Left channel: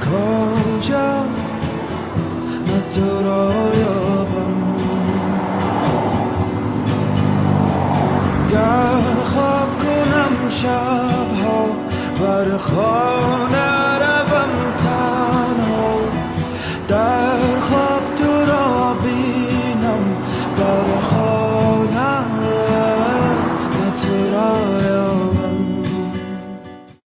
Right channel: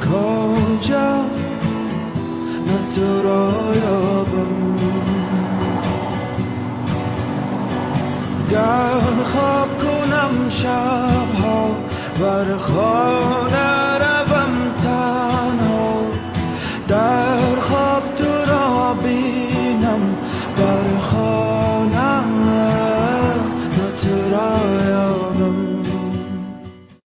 کجا نه تو را یابم گر خواب کنم شبها بر خانه روم تنها در خواب تو را بینم بر خانه